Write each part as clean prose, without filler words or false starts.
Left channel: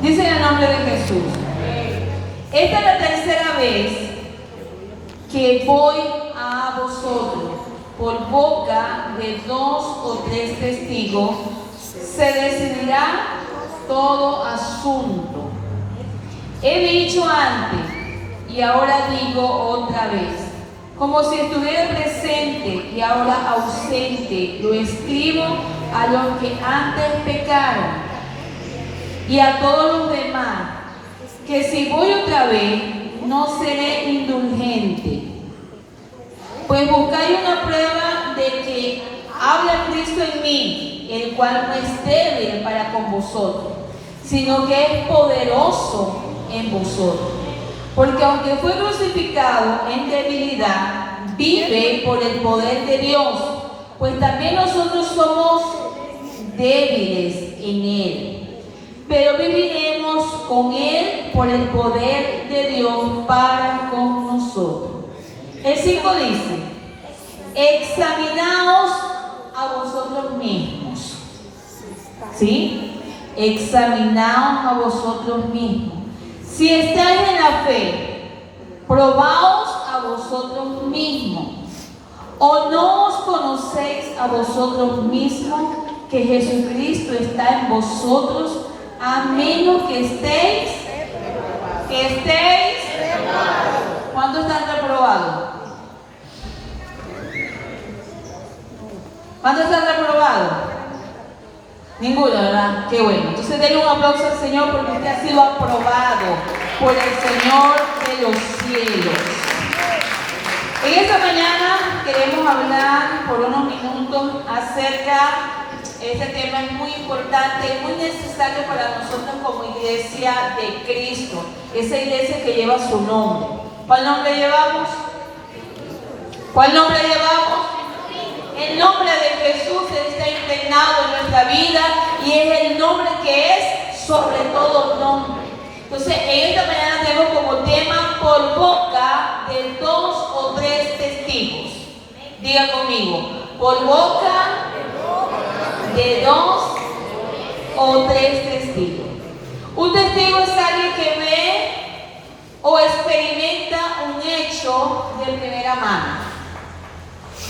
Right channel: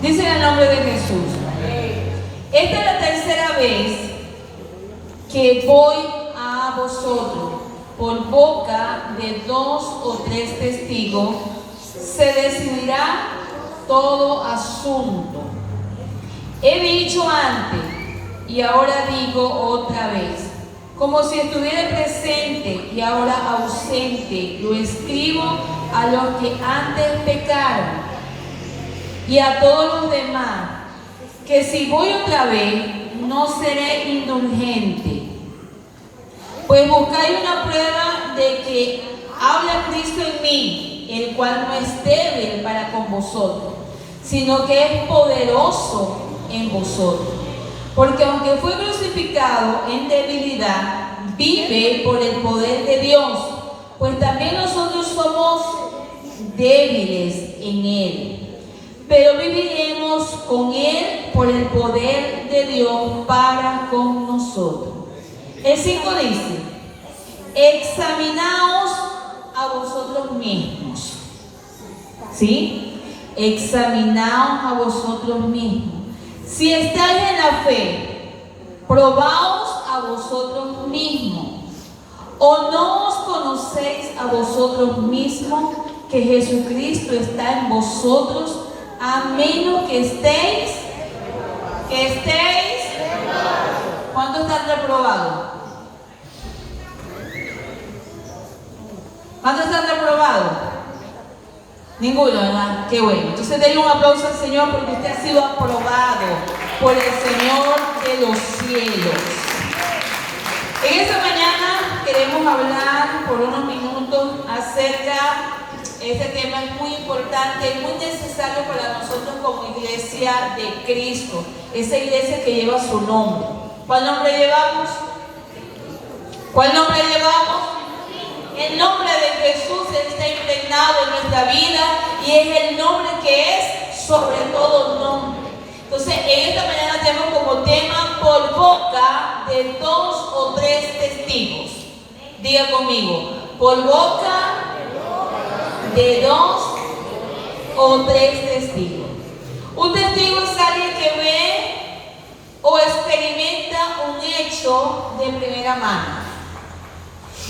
Dice en el nombre de Jesús. Esta es la tercera vez que voy a vosotros. Por boca de 2 o 3 testigos se decidirá todo asunto. He dicho antes y ahora digo otra vez, como si estuviera presente y ahora ausente, lo escribo a los que antes pecaron y a todos los demás, que si voy otra vez no seré indulgente. Pues buscáis una prueba de que habla Cristo en mí, el cual no es débil para con vosotros, sino que es poderoso en vosotros. Porque aunque fue crucificado en debilidad, vive por el poder de Dios, pues también nosotros somos débiles en Él. Pero viviremos con Él por el poder de Dios para con nosotros. El 5 dice, examinaos a vosotros mismos. ¿Sí? Examinaos a vosotros mismos. Si estáis en la fe, probaos a vosotros mismos. ¿O no os conocéis a vosotros mismos que Jesucristo está en vosotros, a menos que estéis? ¿Cuántos están reprobados? ¿Cuántos están reprobados? Ninguno, ¿verdad? Qué bueno. Entonces denle un aplauso al Señor porque usted ha sido aprobado por el Señor de los cielos. En esta mañana queremos hablar por unos minutos acerca, este tema es muy importante, muy necesario para nosotros como iglesia de Cristo, esa iglesia que lleva su nombre. ¿Cuál nombre llevamos? ¿Cuál nombre llevamos? El nombre de Jesús está impregnado en nuestra vida y es el nombre que es sobre todo nombre. Entonces, en esta mañana tenemos como tema por boca de 2 o 3 testigos. Diga conmigo, por boca de 2 o 3 testigos. Un testigo es alguien que ve o experimenta un hecho de primera mano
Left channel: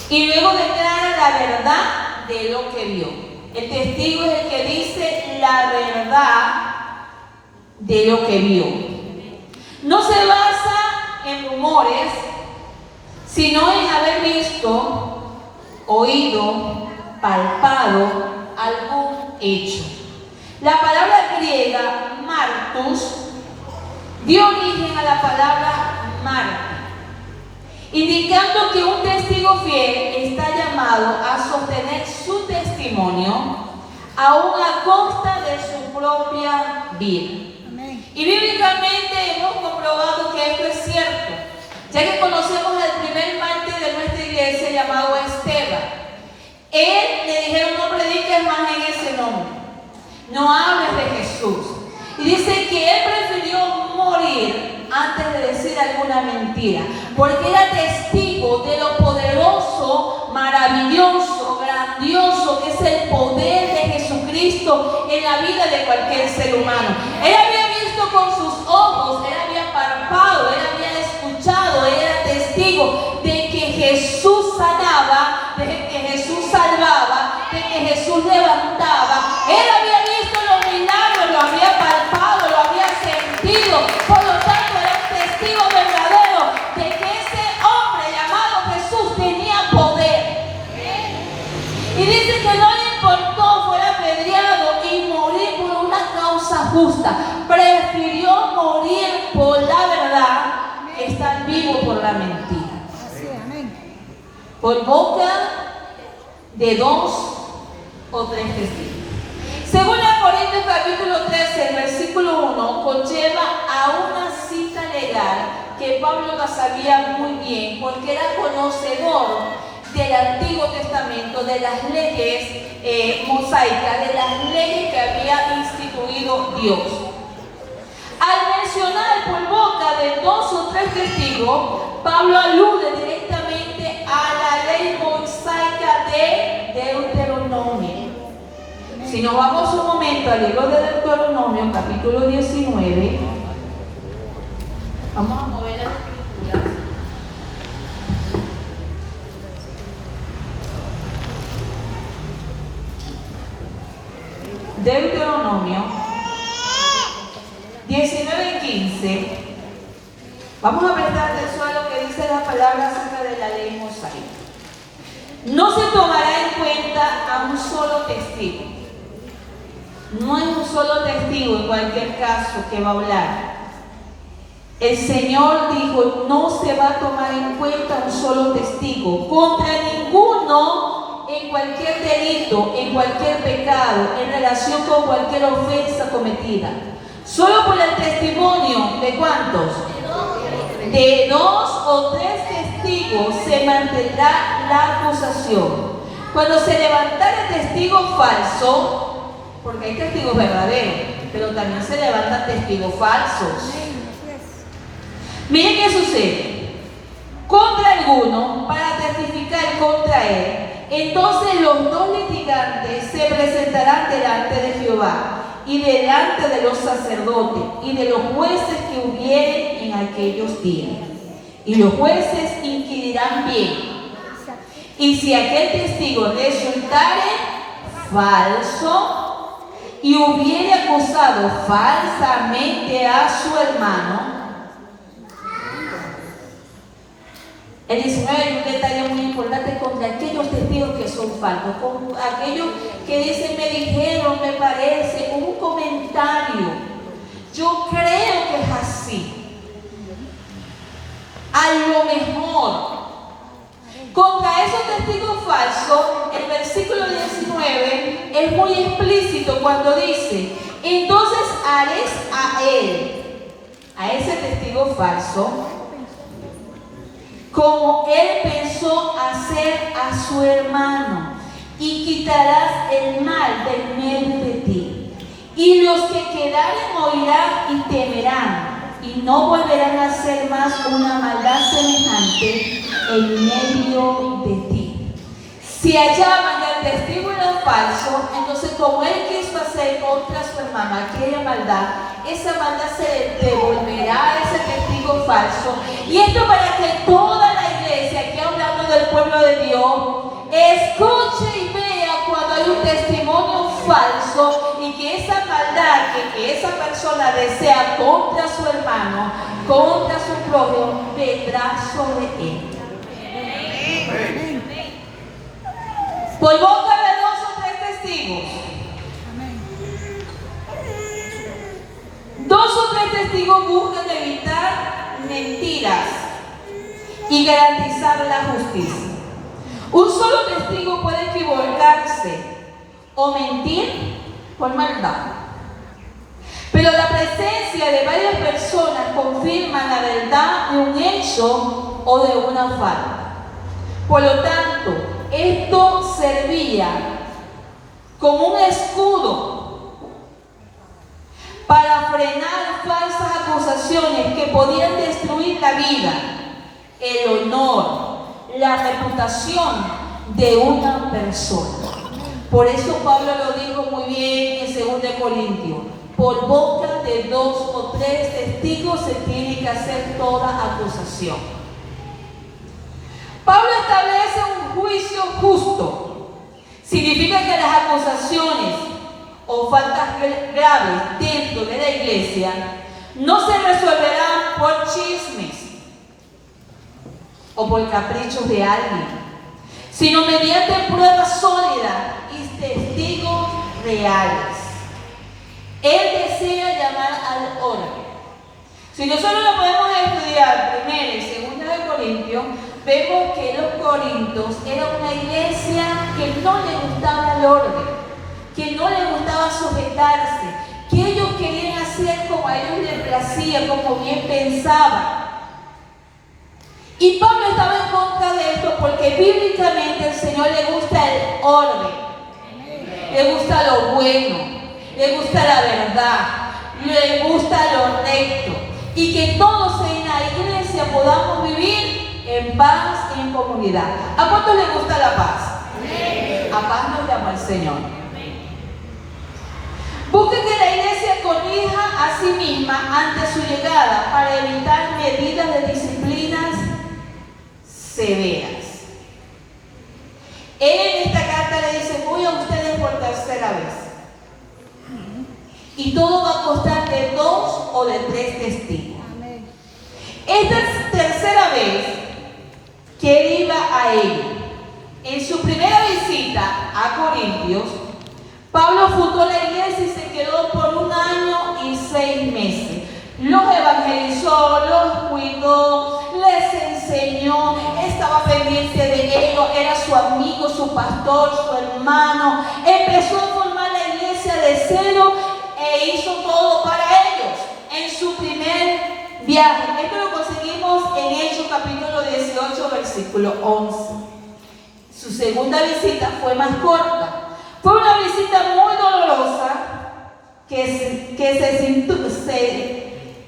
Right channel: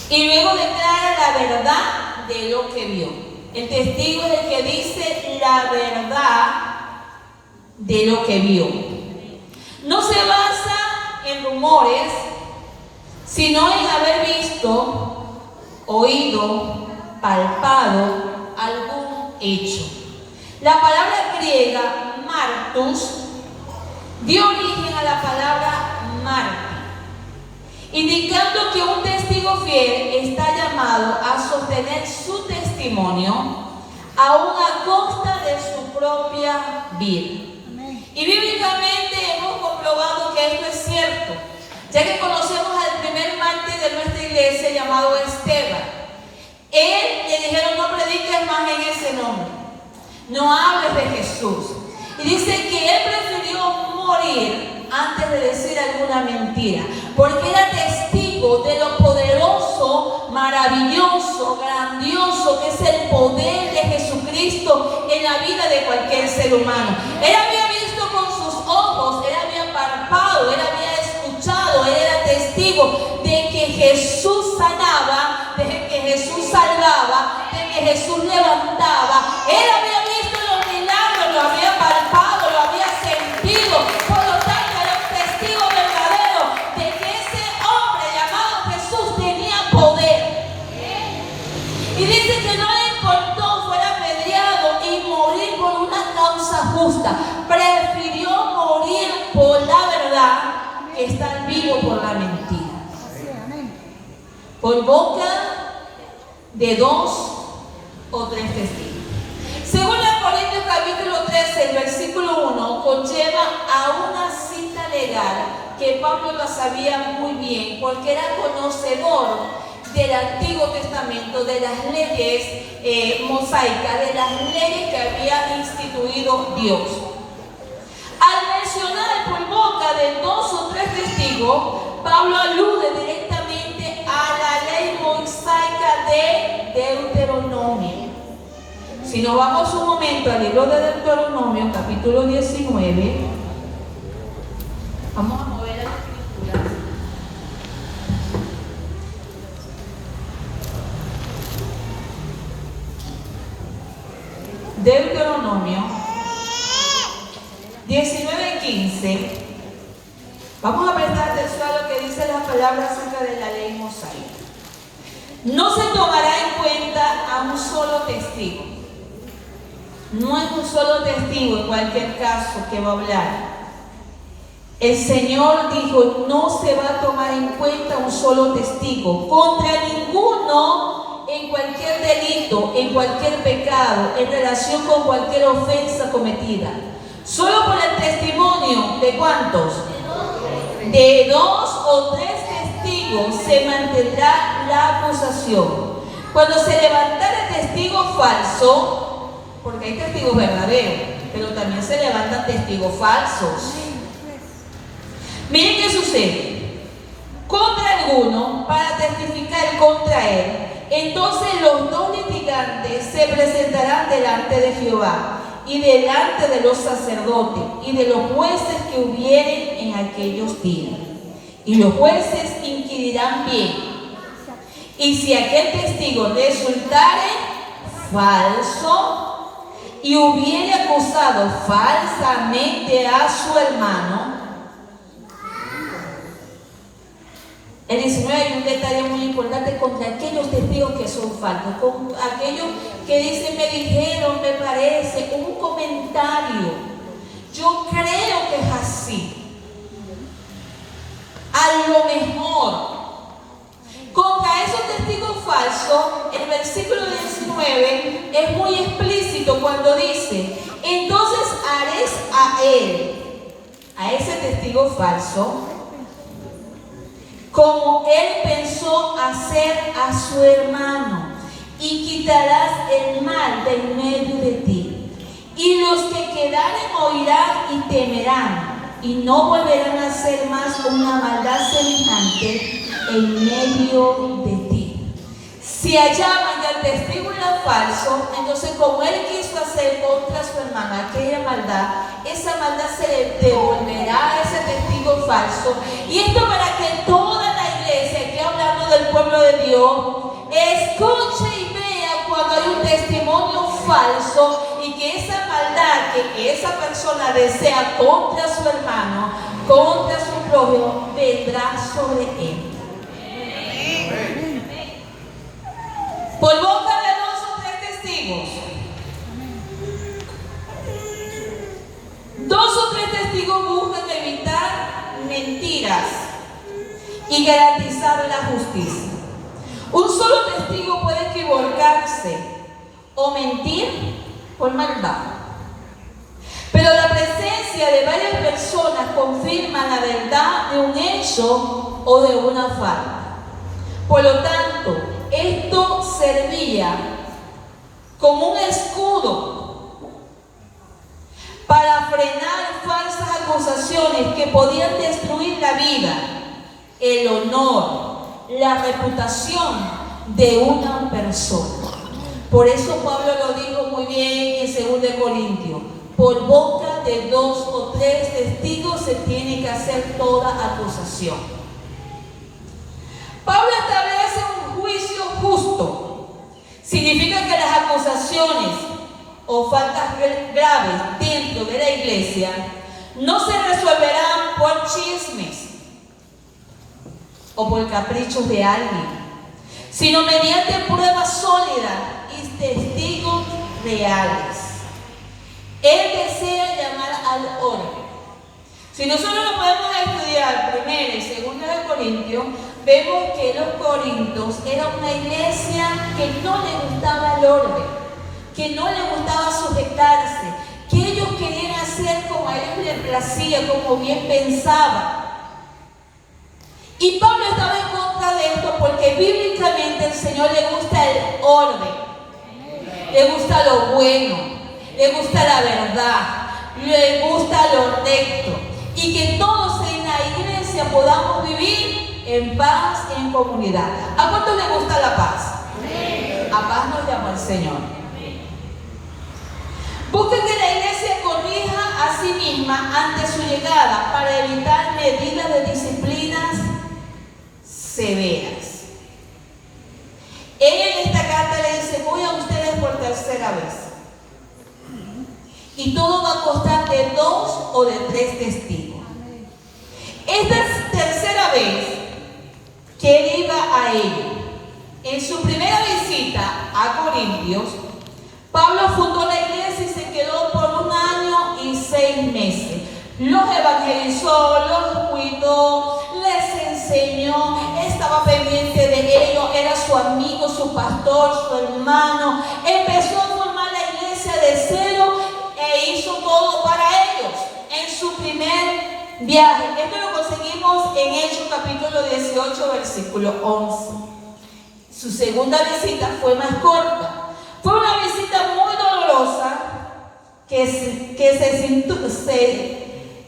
y luego declara la verdad de lo que vio. El testigo es el que dice la verdad de lo que vio. No se basa en rumores, sino en haber visto, oído, palpado algún hecho. La palabra griega martus dio origen a la palabra mártir, indicando que un testigo fiel está llamado a sostener su testimonio aún a costa de su propia vida. Y bíblicamente hemos comprobado que esto es cierto, ya que conocemos al primer mártir de nuestra iglesia llamado Esteban. Él le dijeron, no prediques más en ese nombre, no hables de Jesús. Y dice que él prefirió morir antes de decir alguna mentira, porque era testigo de lo poderoso, maravilloso, grandioso que es el poder de Jesucristo en la vida de cualquier ser humano. Él había visto con sus ojos, él había palpado, él había escuchado, él era testigo de que Jesús sanaba, de que Jesús salvaba, de que Jesús levantaba. Él había visto los milagros, lo había palpado, lo había sentido. Por lo tanto, era un testigo verdadero de que ese hombre llamado Jesús tenía poder. Y dice que no le importó fuera apedreado y morir por una causa justa. Prefirió morir por la verdad que estar vivo por la mentira. Por boca de 2 o 3 testigos. Según la Corintios capítulo 13, el versículo 1, conlleva a una cita legal que Pablo la sabía muy bien, porque era conocedor del Antiguo Testamento, de las leyes mosaicas, de las leyes que había instituido Dios. Al mencionar por boca de 2 o 3 testigos, Pablo alude directamente a la ley mosaica de Deuteronomio. Si Si nos vamos un momento al libro de Deuteronomio, capítulo 19, vamos a mover las escrituras. Deuteronomio 19:15. Vamos a prestar atención a lo que dice la palabra acerca de la ley mosaica. No se tomará en cuenta a un solo testigo. No es un solo testigo en cualquier caso que va a hablar. El Señor dijo, no se va a tomar en cuenta un solo testigo contra ninguno en cualquier delito, en cualquier pecado, en relación con cualquier ofensa cometida. Solo por el testimonio de ¿cuántos? De 2 o 3 testigos se mantendrá la acusación. Cuando se levantara testigo falso, porque hay testigos verdaderos, pero también se levantan testigos falsos. Miren qué sucede. Contra alguno, para testificar contra él, entonces los 2 litigantes se presentarán delante de Jehová y delante de los sacerdotes y de los jueces que hubieren en aquellos días. Y los jueces inquirirán bien. Y si aquel testigo resultare falso y hubiere acusado falsamente a su hermano, el 19 hay un detalle muy importante contra aquellos testigos que son falsos, con aquellos que dicen, me dijeron, me parece, con un comentario. Yo creo que es así. A lo mejor. Contra esos testigos falsos, el versículo 19 es muy explícito cuando dice, entonces haréis a él, a ese testigo falso, como él pensó hacer a su hermano, y quitarás el mal del medio de ti. Y los que quedaren oirán y temerán, y no volverán a hacer más una maldad semejante en medio de ti. Si hallaban que el testigo era falso, entonces como él quiso hacer contra su hermano aquella maldad, esa maldad se le devolverá a ese testigo falso. Y esto para que toda la iglesia, aquí hablando del pueblo de Dios, escuche y vea cuando hay un testimonio falso y que esa maldad que esa persona desea contra su hermano, contra su prójimo, vendrá sobre él. Por boca de 2 o 3 testigos. 2 o 3 testigos buscan evitar mentiras y garantizar la justicia. Un solo testigo puede equivocarse o mentir por maldad. Pero la presencia de varias personas confirma la verdad de un hecho o de una falta. Por lo tanto, esto servía como un escudo para frenar falsas acusaciones que podían destruir la vida, el honor, la reputación de una persona. Por eso Pablo lo dijo muy bien en 2 Corintios. Por boca de 2 o 3 testigos se tiene que hacer toda acusación. Pablo establece un juicio justo. Significa que las acusaciones o faltas graves dentro de la iglesia no se resolverán por chismes o por caprichos de alguien, sino mediante pruebas sólidas y testigos reales. Él desea llamar al orden. Si nosotros lo podemos estudiar 1 y 2 Corintios, vemos que los corintios era una iglesia que no le gustaba el orden, que no le gustaba sujetarse, que ellos querían hacer como a ellos les placía, como bien pensaban. Y Pablo estaba en contra de esto porque bíblicamente al Señor le gusta el orden, le gusta lo bueno, le gusta la verdad, le gusta lo recto, y que todos en la iglesia podamos vivir en paz y en comunidad. ¿A cuántos les gusta la paz? A paz nos llama el Señor. Busque que la iglesia corrija a sí misma ante su llegada para evitar medidas de disciplinas severas. Él en esta carta le dice: voy a ustedes por tercera vez. Y todo va a costar de 2 o de 3 testigos. Esta tercera vez que él iba a ellos, en su primera visita a Corintios, Pablo fundó la iglesia y se quedó por 1 año y 6 meses. Los evangelizó, los cuidó, les enseñó, estaba pendiente de ellos, era su amigo, su pastor, su hermano. Empezó a formar la iglesia de cero e hizo todo para ellos en su primer viaje. Esto lo conseguimos en Hechos capítulo 18, versículo 11. Su segunda visita fue más corta. Fue una visita muy dolorosa que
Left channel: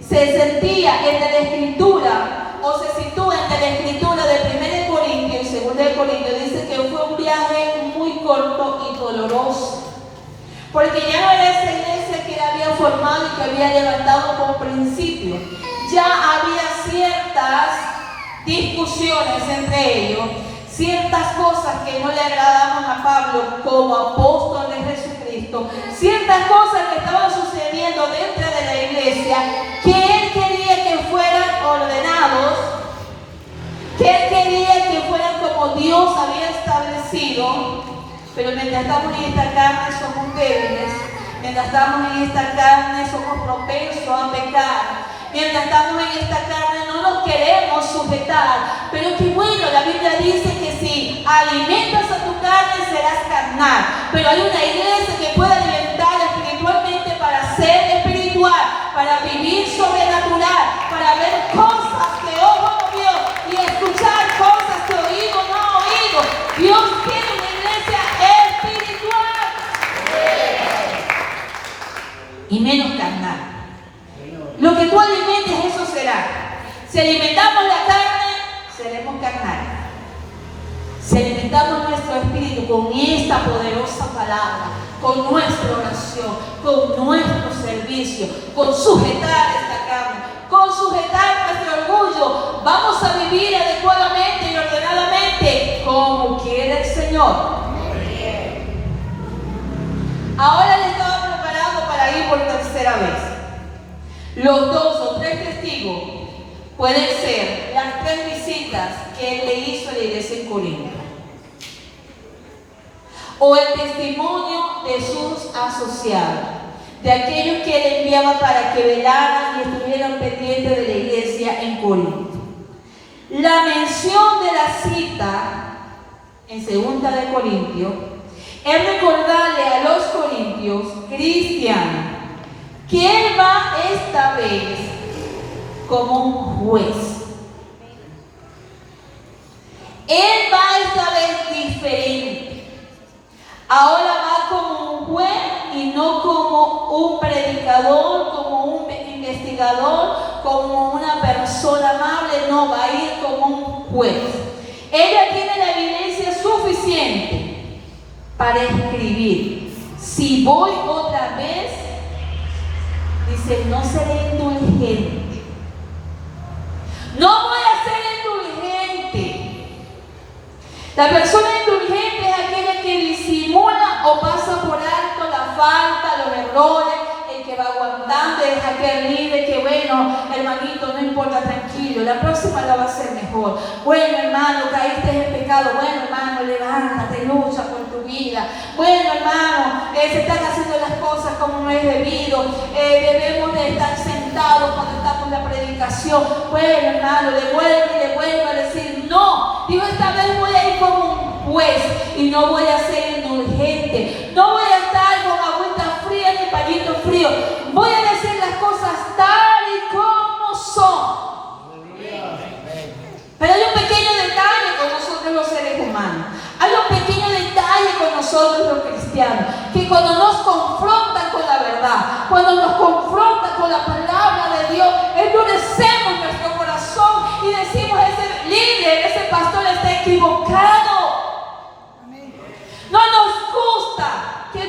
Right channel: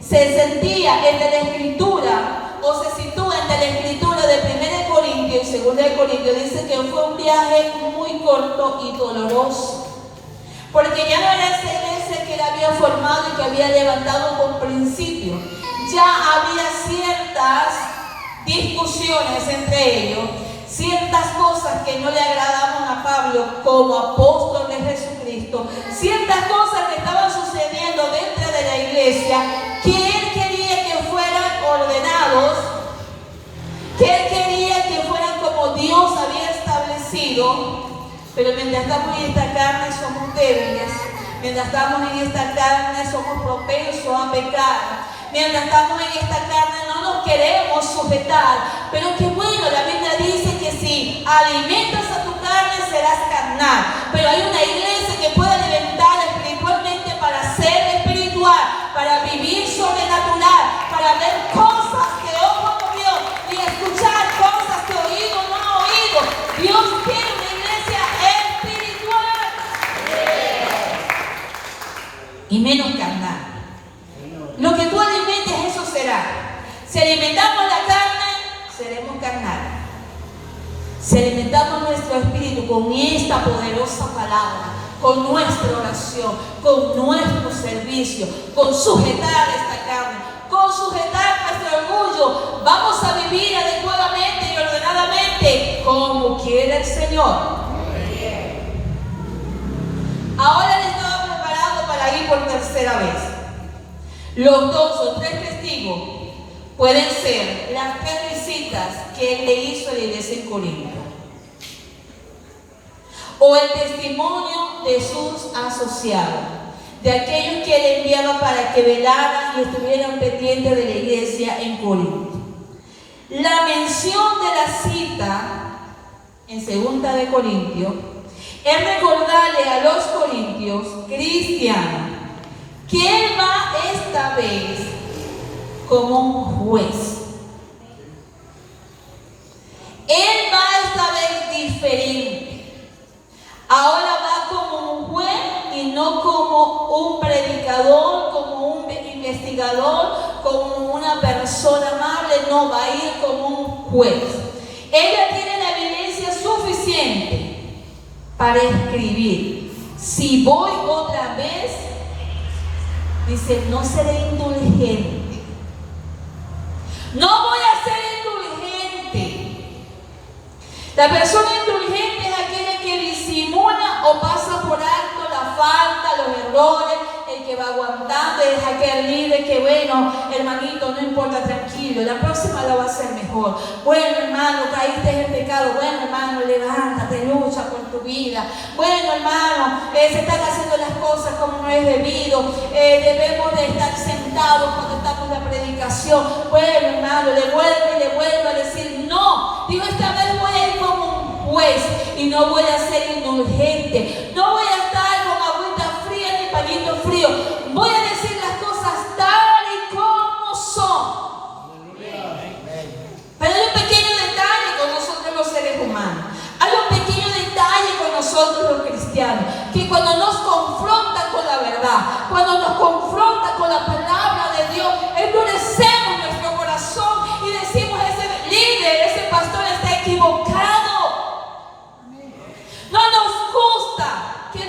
se sentía entre la escritura, o se sitúa entre la escritura de 1 Corintios y 2 Corintios. Dice que fue un viaje muy corto y doloroso, porque ya no era esa iglesia que él había formado y que había levantado con principio. Ya había ciertas discusiones entre ellos, ciertas cosas que no le agradaban a Pablo como apóstol de Jesucristo, ciertas cosas que estaban sucediendo dentro de la iglesia que él quería que fueran ordenados, que él quería que fueran como Dios había establecido. Pero mientras estamos en esta carne somos débiles, mientras estamos en esta carne somos propensos a pecar. Mientras estamos en esta carne no nos queremos sujetar. Pero qué bueno, la Biblia dice que si alimentas a tu carne serás carnal. Pero hay una iglesia que puede alimentar espiritualmente para ser espiritual, para vivir sobrenatural, para ver cosas que ojo no vio y escuchar cosas que oído no ha oído. Dios quiere una iglesia espiritual y menos carnal. Lo que tú alimentes, eso será. Si alimentamos la carne, seremos carnal. Si alimentamos nuestro espíritu con esta poderosa palabra, con nuestra oración, con nuestro servicio, con sujetar esta carne, con sujetar nuestro orgullo, vamos a vivir adecuadamente y ordenadamente como quiere el Señor. Ahora le estaba preparando para ir por tercera vez. Los 2 o 3 testigos pueden ser las 3 visitas que él le hizo a la iglesia en Corinto, o el testimonio de sus asociados, de aquellos que él enviaba para que velaran y estuvieran pendientes de la iglesia en Corinto. La mención de la cita en 2 de Corintios es recordarle a los corintios cristianos que él va esta vez como un juez. Él va esta vez diferente. Ahora va como un juez y no como un predicador, como un investigador, como una persona amable. No, va a ir como un juez. Ella tiene la evidencia suficiente para escribir: si voy otra vez, dice, no seré indulgente. No voy a ser indulgente. La persona indulgente es aquella que disimula o pasa por alto la falta, los errores, el que va aguantando, es aquel líder que, bueno, hermanito, no importa, tranquilo, la próxima la va a hacer mejor. Bueno, hermano, caíste en pecado. Bueno, hermano, levántate, lucha por tu vida. Bueno, hermano, se están haciendo las cosas como no es debido. Debemos de estar sentados cuando estamos en la predicación. Bueno, hermano, le vuelvo a decir, no. Digo, esta vez voy a ir como un juez y no voy a ser indulgente. No voy a estar con agüita fría ni pañito frío. Voy a decir las cosas tal y como son. Pero hay un pequeño detalle con nosotros los seres humanos. Hay un pequeño detalle con nosotros los cristianos, que cuando nos confrontan con la verdad, cuando nos confrontan con la palabra de Dios, endurecemos nuestro corazón y decimos, ese líder, ese pastor está equivocado. No nos gusta que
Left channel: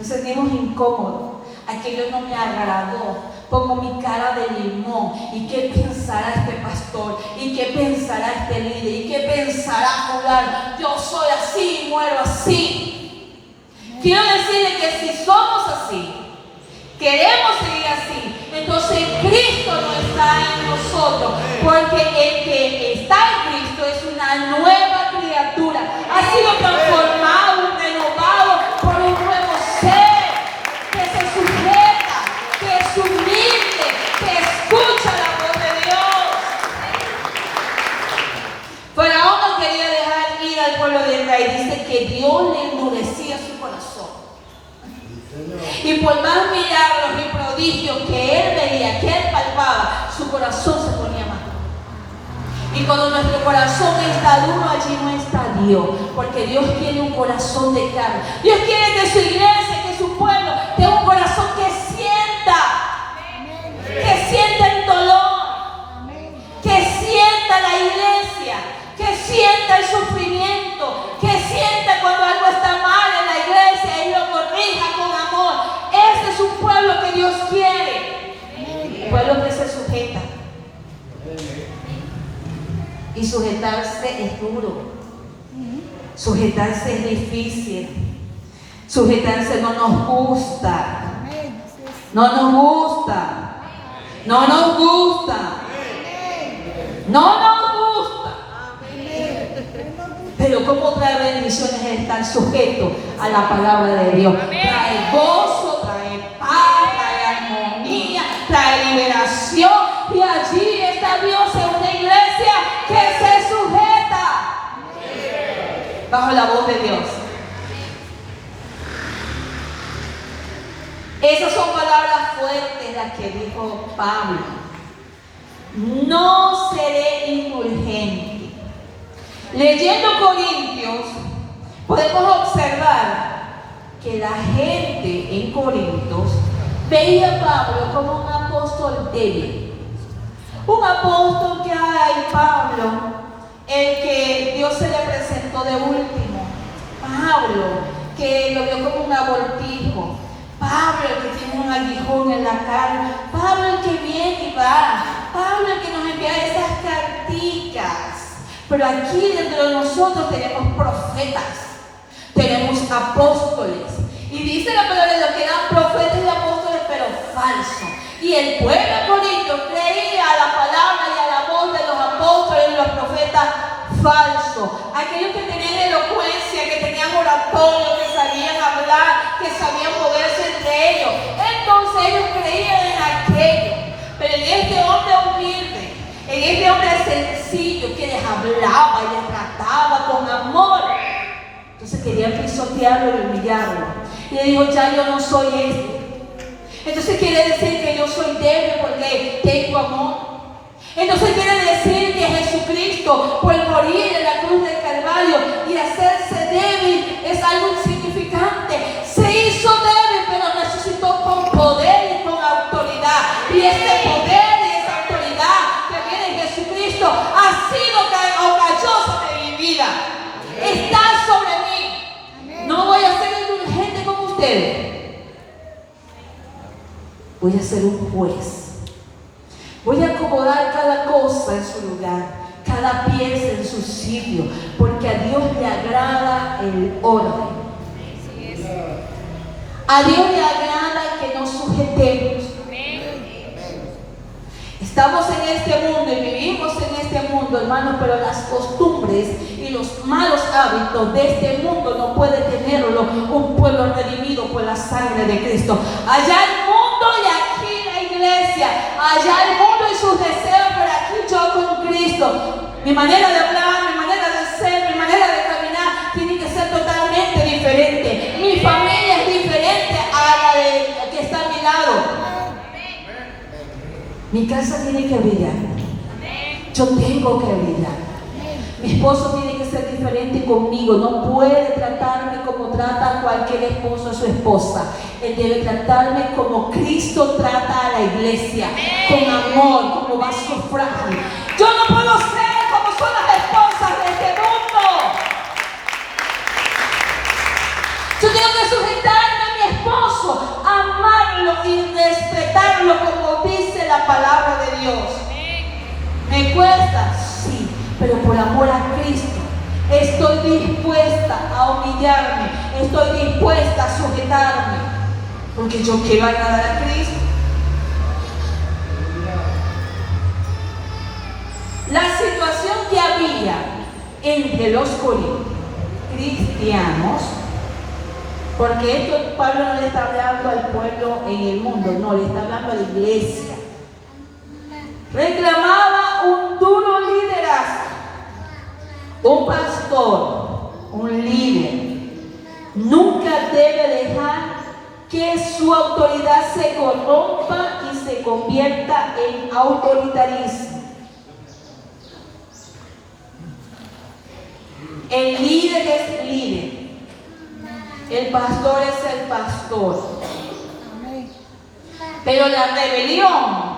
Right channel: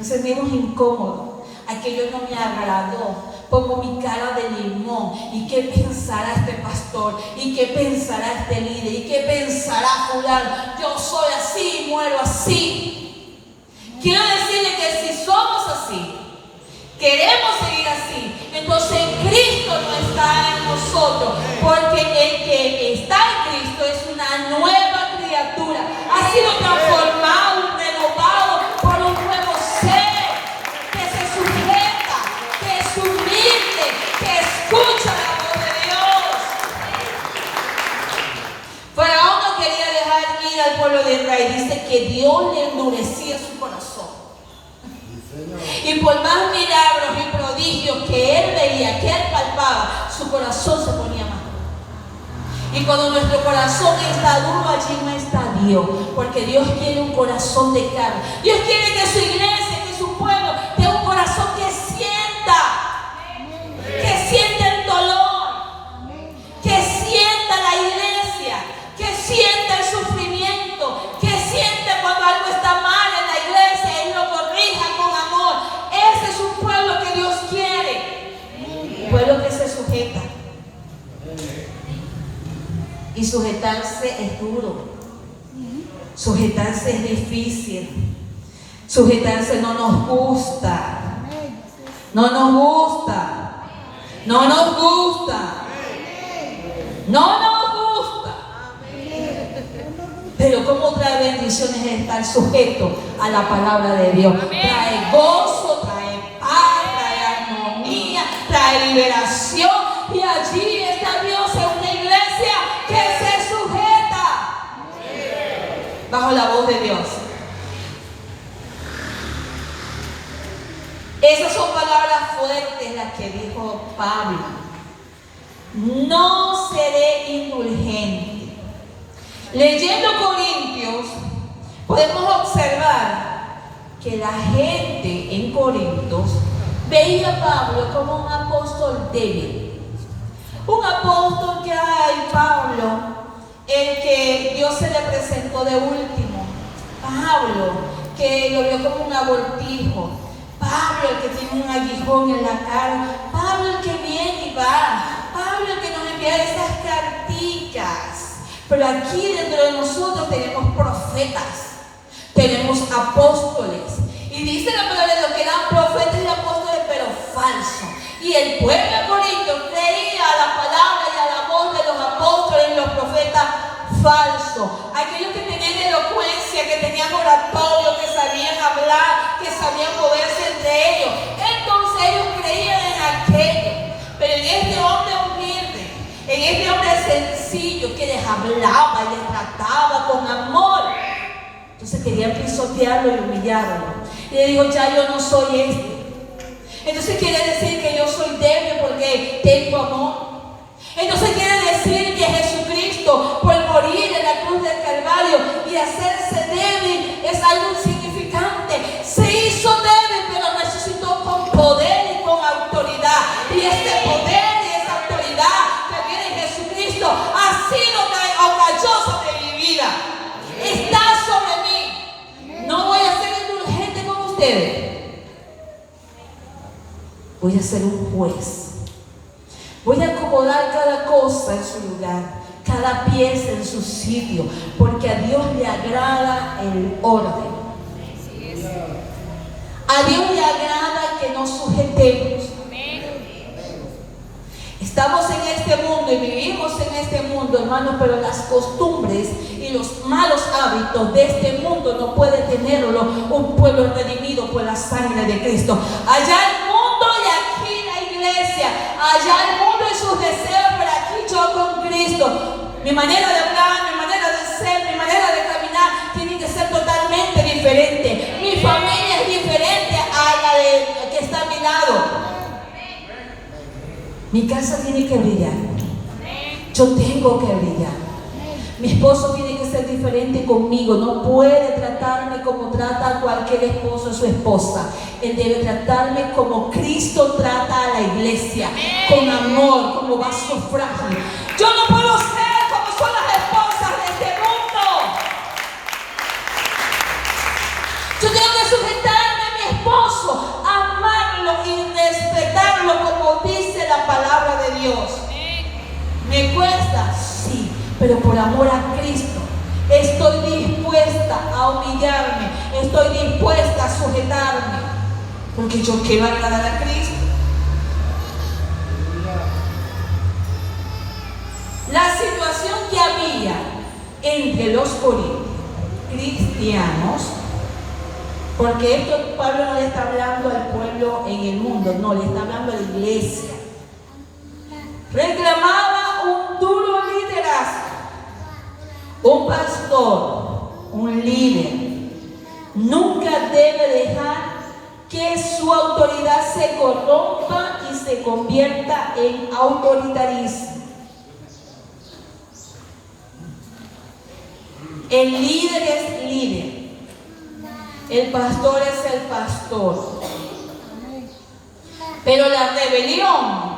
Nos sentimos incómodos. Aquello no me agradó. Pongo mi cara de limón. ¿Y qué pensará este pastor? ¿Y qué pensará este líder? ¿Y qué pensará fulano? Yo soy así y muero así. Quiero decirle que si somos así, queremos seguir así, entonces Cristo no está en nosotros, porque el que está en Cristo es una nueva criatura. Ha sido transformado, renovado por un nuevo ser que se sujeta, que es humilde, que escucha la voz de Dios. Faraón no quería dejar ir al pueblo de Israel. Dice que Dios le endurecía su corazón. Y por más milagros y prodigios que él veía, que él palpaba, su corazón se ponía más duro. Y cuando nuestro corazón está duro, allí no está Dios, porque Dios quiere un corazón de carne. Dios quiere que su iglesia, que su pueblo tenga un corazón que sienta el dolor, que sienta la iglesia, que sienta el sufrimiento, que sienta cuando algo está mal en la iglesia y lo corrija con amor. Ese es un pueblo que Dios quiere, un pueblo que se sujeta. Y sujetarse es duro, sujetarse es difícil, sujetarse no nos gusta, no nos gusta, no nos gusta, no nos gusta. Pero cómo trae bendiciones es estar sujeto a la palabra de Dios. Trae gozo, trae paz, trae armonía, trae liberación. Y allí está Dios en una iglesia que se sujeta bajo la voz de Dios. Esas son palabras fuertes las que dijo Pablo. No seré indulgente. Leyendo Corintios, podemos observar que la gente en Corintios veía a Pablo como un apóstol débil. Un apóstol que, ay, Pablo, el que Dios se le presentó de último. Pablo, que lo vio como un abortijo. Pablo, el que tiene un aguijón en la cara. Pablo, el que viene y va. Pablo, el que nos envía esas carticas. Pero aquí dentro de nosotros tenemos profetas, tenemos apóstoles. Y dice la palabra de Dios que eran profetas y apóstoles, pero falsos. Y el pueblo de Corinto creía a la palabra y a la voz de los apóstoles y los profetas falsos. Aquellos que tenían elocuencia, que tenían oratorio, que sabían hablar, que sabían moverse entre ellos. Entonces ellos creían en aquello. Pero en este hombre humilde, en este hombre sencillo que les hablaba y les trataba con amor, entonces querían pisotearlo y humillarlo. Y él dijo, ya yo no soy este. Entonces quiere decir que yo soy débil porque tengo amor. Entonces quiere decir que Jesucristo, por morir en la cruz del Calvario y hacerse débil, es algo insignificante. Se hizo débil, pero resucitó con poder y con autoridad. Y este poder y esa autoridad que viene en Jesucristo ha sido o cayó sobre mi vida. Está sobre mí. No voy a ser indulgente con ustedes. Voy a ser un juez. Voy a acomodar cada cosa en su lugar, cada pieza en su sitio, porque a Dios le agrada el orden. A Dios le agrada que nos sujetemos. Estamos en este mundo y vivimos en este mundo, hermanos, pero las costumbres y los malos hábitos de este mundo no puede tenerlo un pueblo redimido por la sangre de Cristo. Allá el mundo y aquí la iglesia. Allá el mundo y sus deseos, por aquí yo con Cristo. Mi manera de hablar, mi manera de ser, mi manera de caminar tiene que ser totalmente diferente. Mi familia es diferente a la de que está a mi lado. Mi casa tiene que brillar. Yo tengo que brillar. Mi esposo tiene que ser diferente conmigo. No puede tratarme como trata cualquier esposo a su esposa. Él debe tratarme como Cristo trata a la iglesia. Con amor, como vaso frágil. Yo no puedo ser como son las esposas de este mundo. Yo tengo que sujetarme a mi esposo. pero por amor a Cristo. Estoy dispuesta a humillarme, estoy dispuesta a sujetarme, porque yo quiero agradar a Cristo. La situación que había entre los corintios cristianos, porque esto Pablo no le está hablando al pueblo en el mundo, no, le está hablando a la iglesia, reclamaba un duro liderazgo. Un pastor, un líder, nunca debe dejar que su autoridad se corrompa y se convierta en autoritarismo. El líder es líder, el pastor es el pastor. Pero la rebelión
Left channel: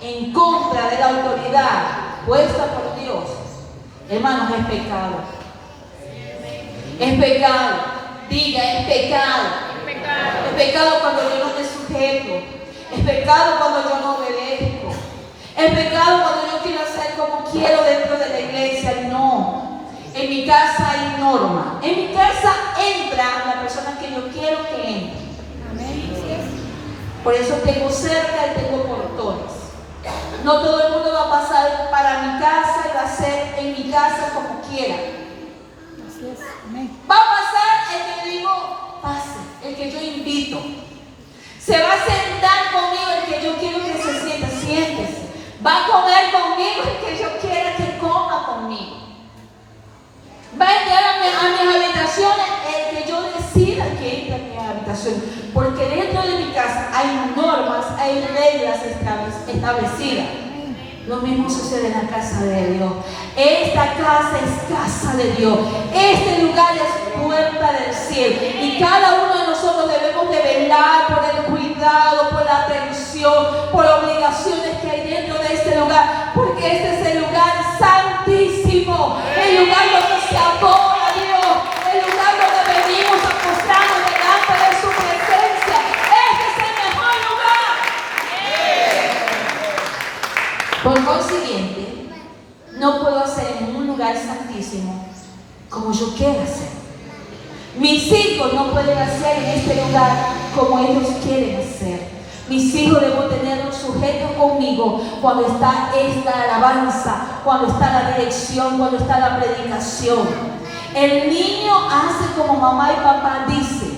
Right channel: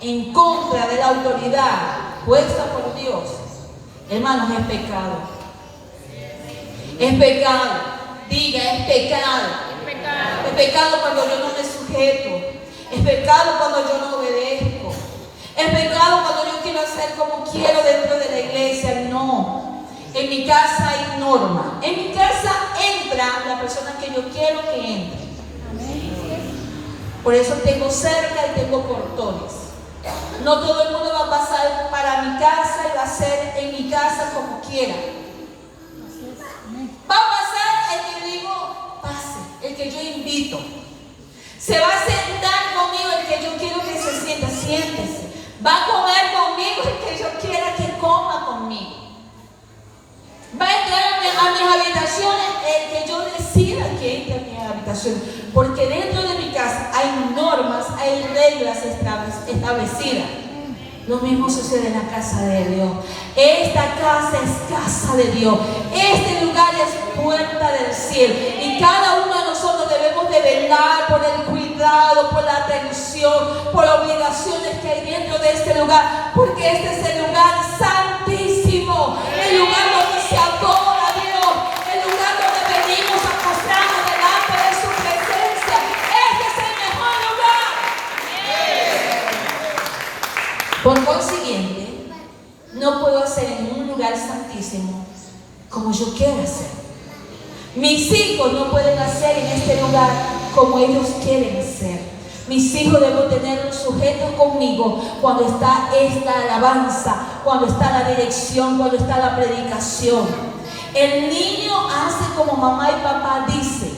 en contra de la autoridad puesta por Dios, hermanos, es pecado. Es pecado. Diga, es pecado. Es pecado cuando yo no me sujeto. Es pecado cuando yo no obedezco. Es pecado cuando yo quiero hacer como quiero dentro de la iglesia. No. En mi casa hay norma. En mi casa entra la persona que yo quiero que entre. Por eso tengo cerca y tengo portones. No todo el mundo va a pasar para mi casa y va a ser en mi casa como quiera. Va a pasar el que digo, pase, el que yo invito. Se va a sentar conmigo el que yo quiero que se sienta, siéntese. Va a comer conmigo el que yo quiera que coma conmigo. Va a entrar a mis habitaciones el que yo decida que entre a mis habitaciones. Porque dentro de mi casa hay normas, hay reglas establecidas. Lo mismo sucede en la casa de Dios. Esta casa es casa de Dios. Este lugar es puerta del cielo. Y cada uno de nosotros debemos de velar por el cuidado, por la atención, por obligaciones que hay dentro de este lugar. Porque este es el lugar santísimo. El lugar donde se adora a Dios. El lugar donde venimos a postrarnos delante de su presencia. Este es el mejor lugar. Por consiguiente, no puedo hacer en un lugar santísimo como yo quiero hacer. Mis hijos no pueden hacer en este lugar como ellos quieren hacer. Mis hijos debo tenerlos sujetos conmigo cuando está esta alabanza, cuando está la dirección, cuando está la predicación. El niño hace como mamá y papá dicen.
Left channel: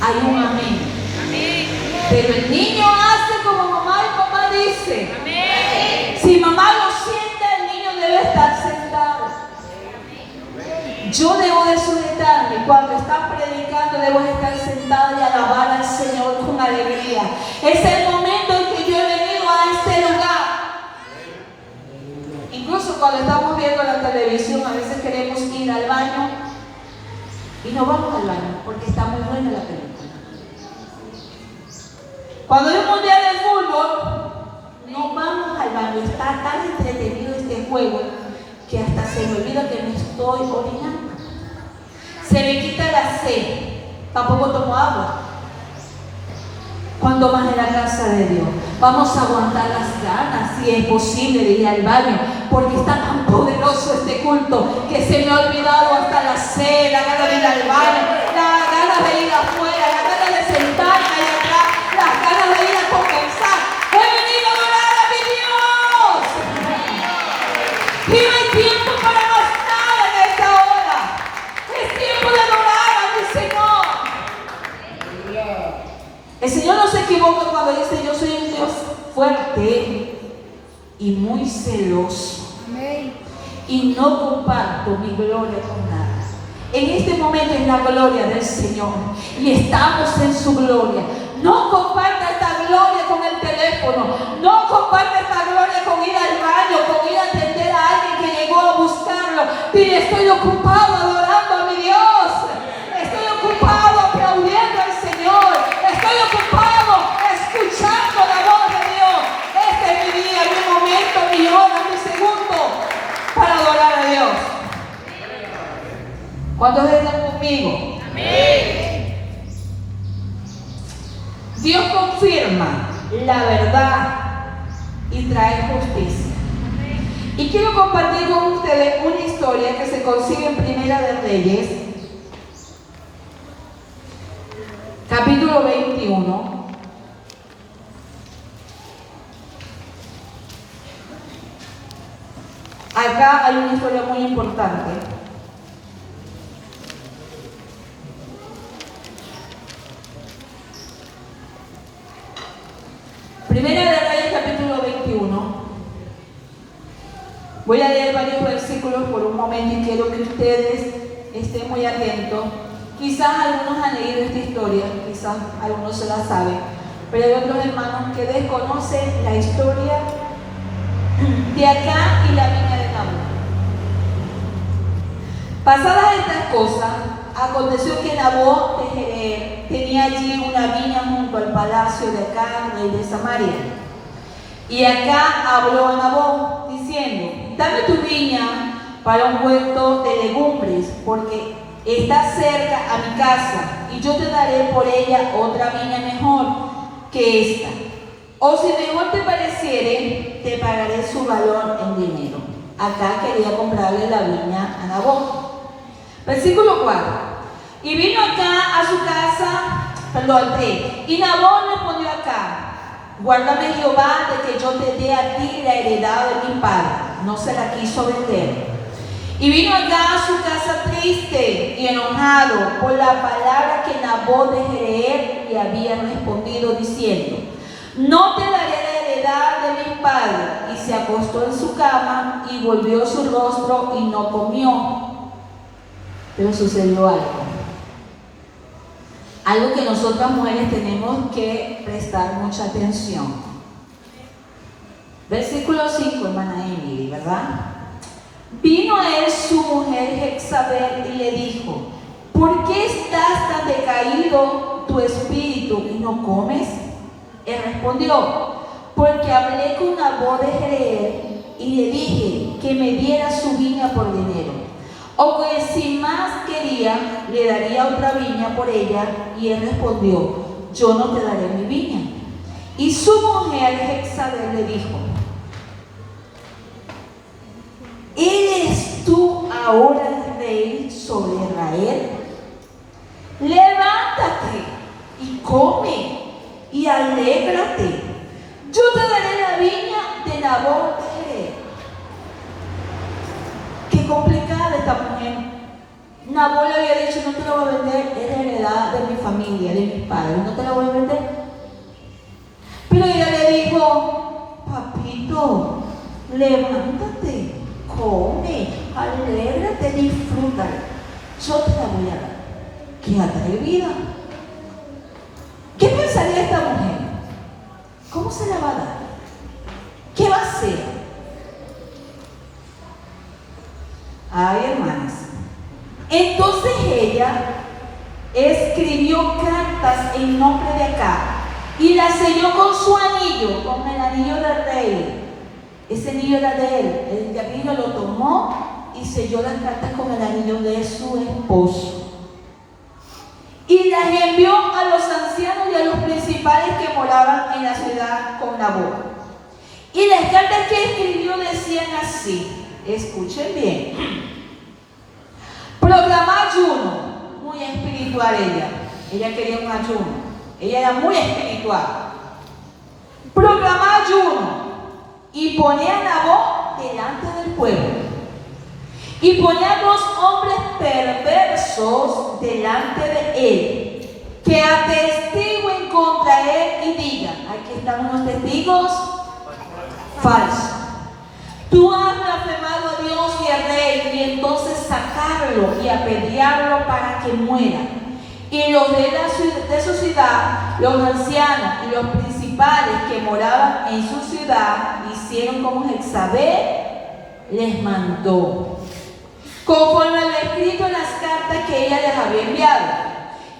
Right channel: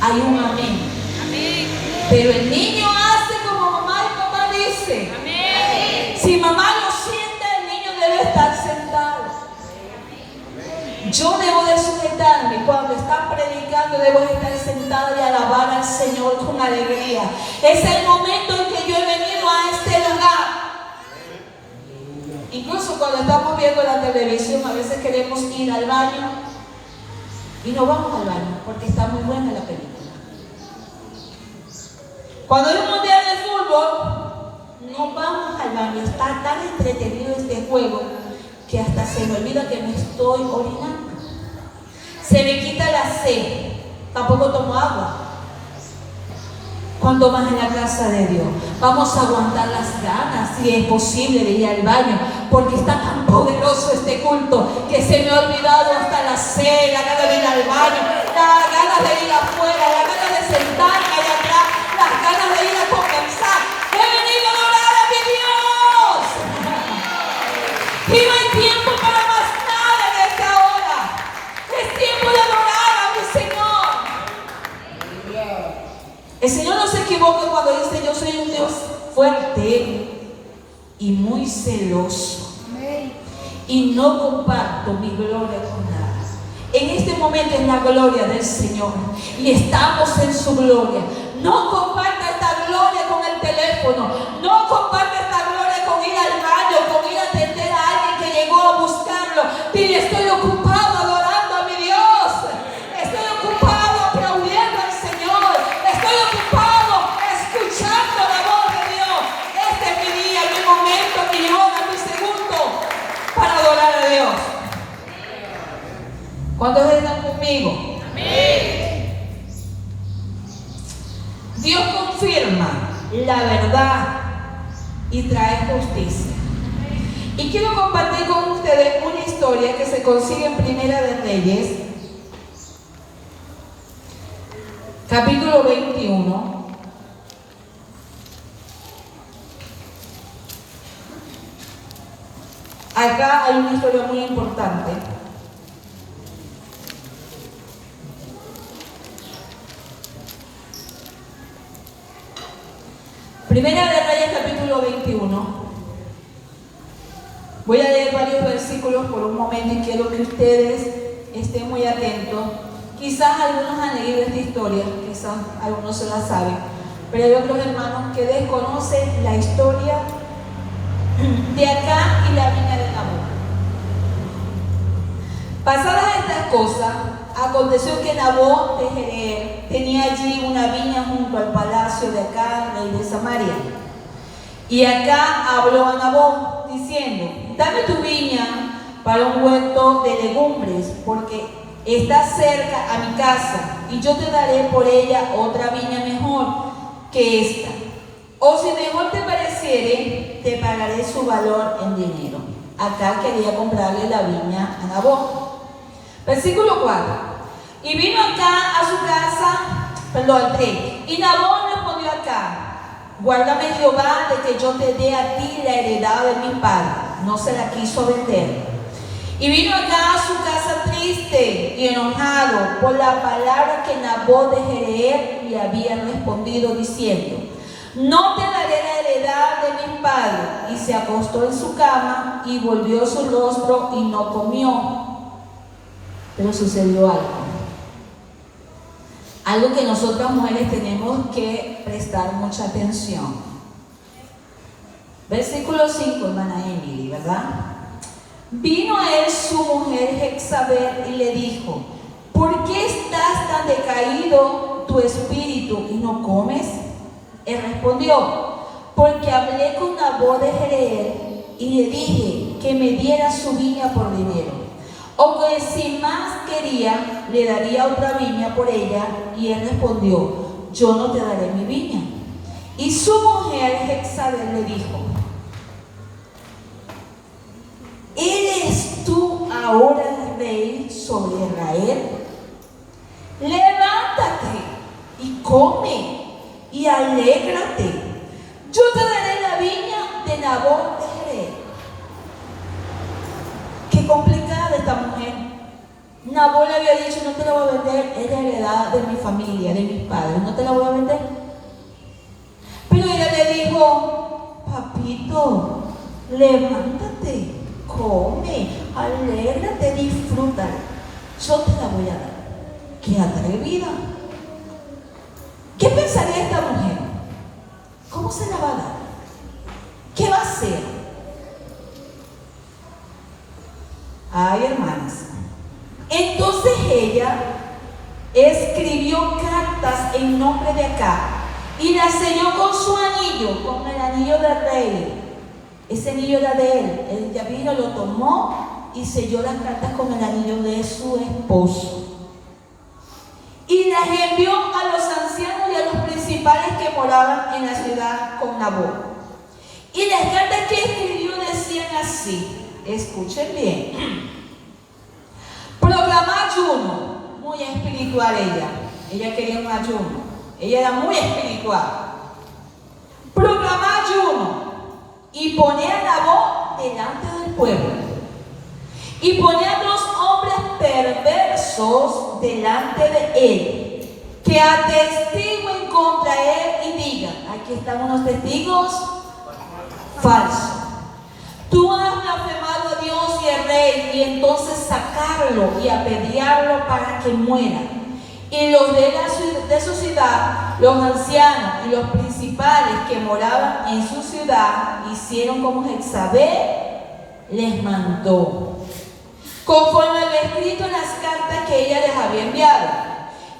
Hay un amén. Pero el niño hace como mamá y papá dicen. Si mamá lo siente, el niño debe estar sentado. Yo debo de sujetarme. Cuando están predicando, debo de estar sentado y alabar al Señor con alegría. Es el momento en que yo he venido a este lugar. Incluso cuando estamos viendo la televisión, a veces queremos ir al baño y no vamos al baño porque está muy buena la película. Cuando hay un mundial de fútbol, no vamos al baño. Está tan entretenido este juego que hasta se me olvida que me estoy orinando. Se me quita la sed. Tampoco tomo agua. Cuando vas en la casa de Dios, vamos a aguantar las ganas, si es posible, de ir al baño, porque está tan poderoso este culto que se me ha olvidado hasta la sed, la gana de ir al baño, las ganas de ir afuera, las ganas de sentarme allá atrás, las ganas de ir a conversar. He venido a adorar a mi Dios. Y no hay tiempo para más nada en esta hora. Es tiempo de adorar a mi Señor. El Señor no se equivoca cuando dice: yo soy un Dios fuerte y muy celoso. Y no comparto mi gloria con nada. En este momento es la gloria del Señor. Y estamos en su gloria. No comparta esta gloria con el teléfono. No comparta esta gloria con ir al baño, con ir a atender a alguien que llegó a buscarlo. Dile: estoy ocupado adorando a mi Dios. Estoy ocupado aplaudiendo al Señor. Estoy ocupado escuchando la voz de Dios. Este es mi día, mi momento, mi hora, mi segundo para adorar a Dios. ¿Cuántos están conmigo? Amén. Dios confirma la verdad y trae justicia. Y quiero compartir con ustedes una historia que se consigue en Primera de Reyes, capítulo 21. Acá hay una historia muy importante. Primera de Reyes, capítulo 21. Voy a leer varios versículos por un momento y quiero que ustedes estén muy atentos. Quizás algunos han leído esta historia, quizás algunos se la saben, pero hay otros hermanos que desconocen la historia de acá y la viña de Nabot. Pasadas estas cosas, aconteció que Nabot de Jezreel tenía allí una viña junto al palacio de Acab, rey de Samaria. Y acá habló a Nabot, diciendo: dame tu viña para un huerto de legumbres, porque está cerca a mi casa, y yo te daré por ella otra viña mejor que esta. O si mejor te pareciere, te pagaré su valor en dinero. Acá quería comprarle la viña a Nabot. Versículo 4. Y vino acá a su casa, 3. Y Nabot respondió acá: guárdame Jehová de que yo te dé a ti la heredad de mi padre. No se la quiso vender. Y vino acá a su casa triste y enojado por la palabra que Nabot de Jezreel le había respondido, diciendo: no te daré la heredad de mi padre. Y se acostó en su cama y volvió su rostro y no comió. Pero sucedió algo que nosotras mujeres tenemos que prestar mucha atención. Versículo 5, hermana Emily, ¿verdad? Vino a él su mujer Jezabel y le dijo: ¿por qué estás tan decaído tu espíritu y no comes? Él respondió: porque hablé con Nabot de Jezreel y le dije que me diera su viña por dinero. O que si más quería, le daría otra viña por ella. Y él respondió: yo no te daré mi viña. Y su mujer Jezabel le dijo: ¿eres tú ahora rey sobre Israel? Levántate y come y alégrate. Yo te daré la viña de Nabot de Jezreel. Qué complicada esta mujer. Nabot le había dicho: no te la voy a vender, es la heredad de mi familia, de mis padres, no te la voy a vender. Pero ella le dijo: papito, levántate, come, alégrate, disfruta. Yo te la voy a dar. ¡Qué atrevida! ¿Qué pensaría esta mujer? ¿Cómo se la va a dar? ¿Qué va a hacer? Ay, hermanas. Entonces ella escribió cartas en nombre de Acab y las selló con su anillo, con el anillo del rey. Ese anillo era de él. El vino lo tomó y selló las cartas con el anillo de su esposo. Y las envió a los ancianos y a los principales que moraban en la ciudad con Nabot. Y las cartas que escribió decían así, escuchen bien: proclamar ayuno. Muy espiritual ella quería un ayuno, ella era muy espiritual. Proclamar ayuno y poner a Nabot delante del pueblo. Y poner a los hombres perversos delante de él, que atestiguen contra él y digan: aquí están unos testigos falsos. Tú has blasfemado a Dios y al rey, y entonces sacarlo y apedrearlo para que muera. Y los de su ciudad, los ancianos y los principales que moraban en su ciudad, hicieron como Jezabel les mandó, conforme a lo escrito en las cartas que ella les había enviado.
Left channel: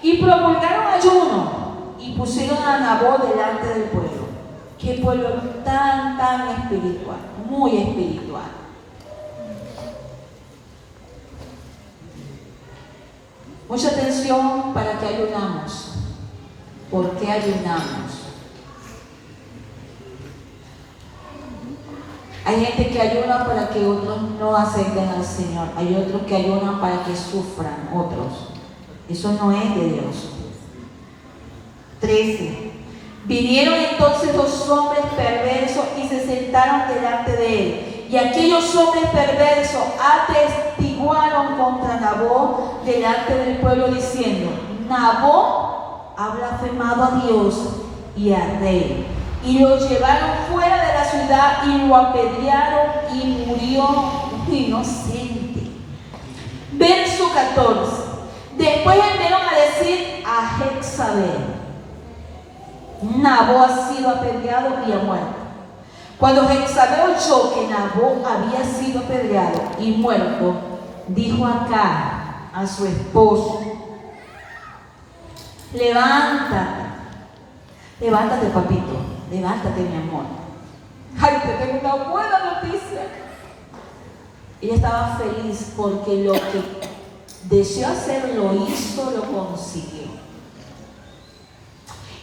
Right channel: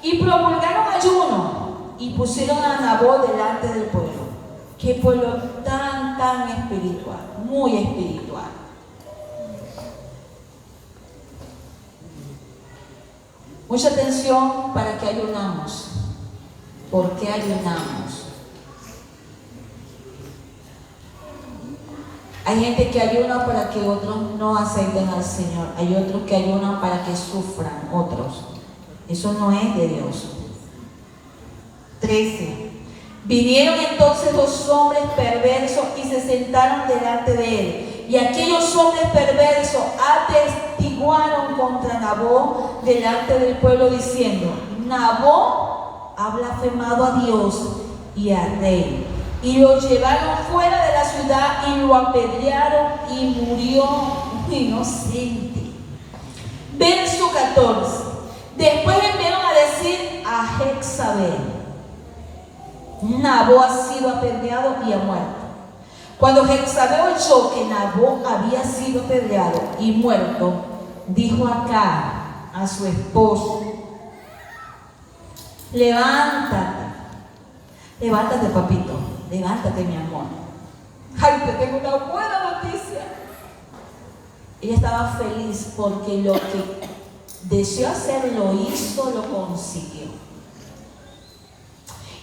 Y promulgaron ayuno y pusieron a Nabot delante del pueblo. Qué pueblo tan espiritual, muy espiritual. Mucha atención para que ayunamos. ¿Por qué ayunamos? Hay gente que ayuna para que otros no acepten al Señor. Hay otros que ayunan para que sufran otros. Eso no es de Dios. 13. Vinieron entonces los hombres perversos y se sentaron delante de él. Y aquellos hombres perversos atestiguaron contra Nabó delante del pueblo diciendo: Nabó ha blasfemado a Dios y al rey. Y lo llevaron fuera de la ciudad y lo apedrearon y murió inocente. Verso 14. Después enviaron a decir a Jezabel: Nabó ha sido apedreado y ha muerto. Cuando Jezabel oyó que Nabó había sido apedreado y muerto, dijo acá a su esposo: levántate papito, levántate mi amor. Ay, te tengo una buena noticia. Ella estaba feliz porque lo que deseó hacer lo hizo, lo consiguió.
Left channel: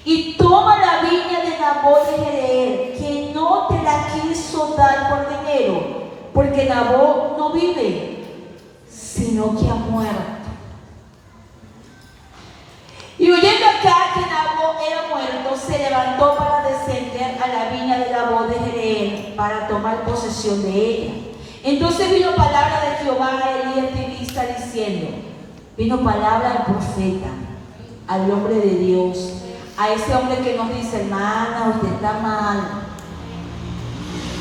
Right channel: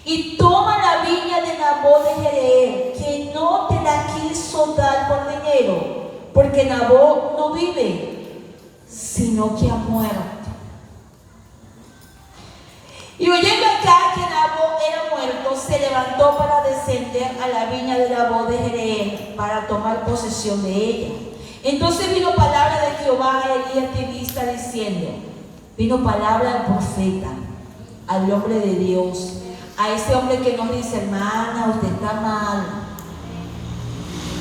Y toma la viña de Nabó de Jezreel, que no te la quiso dar por dinero, porque Nabó no vive, sino que ha muerto. Y oyendo acá que Nabó era muerto, se levantó para descender a la viña de Nabó de Jezreel para tomar posesión de ella. Entonces vino palabra de Jehová a Elías Tibista diciendo, vino palabra del profeta, al hombre de Dios, a ese hombre que nos dice: hermana, usted está mal.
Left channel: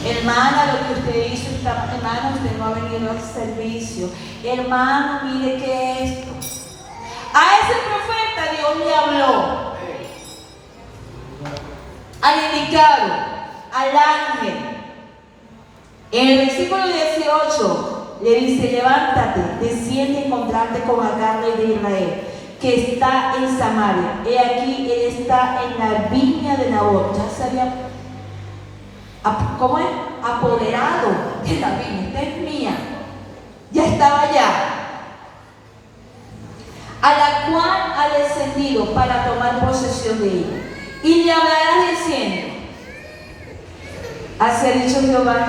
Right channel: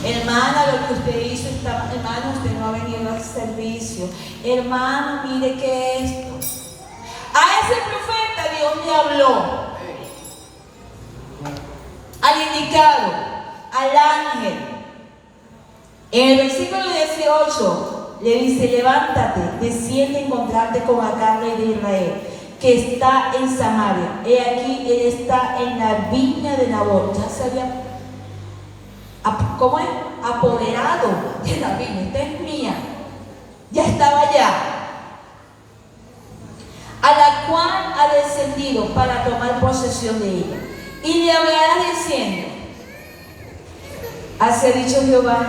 Hermana, lo que usted hizo está mal. Hermana, usted no ha venido al servicio. Hermano, mire que esto. A ese profeta Dios le habló. Al indicado, al ángel. En el versículo 18 le dice: levántate, desciende a encontrarte con Agar, rey de Israel, que está en Samaria. He aquí, él está en la viña de Nabot. Ya se había, ¿cómo es? Apoderado de la viña. Esta es mía. Ya estaba allá. A la cual ha descendido para tomar posesión de ella. Y le hablará diciendo: así ha dicho Jehová,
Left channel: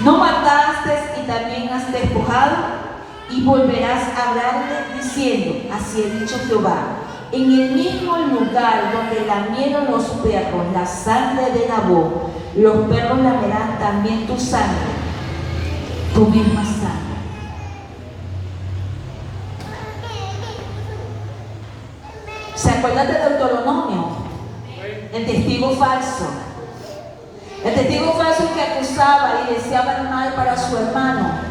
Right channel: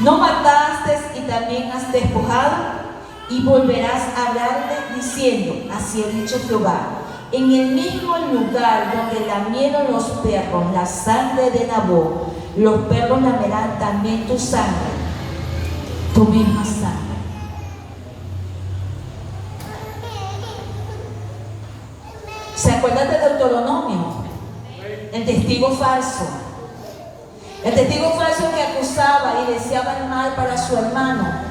no mataste y también has despojado. Y volverás a hablarle diciendo: así ha dicho Jehová, en el mismo lugar donde lamieron los perros la sangre de Nabó, los perros lamerán también tu sangre, tu misma sangre. ¿Se acuerdan de Deuteronomio? El testigo falso. El testigo falso que acusaba y deseaba el mal para su hermano.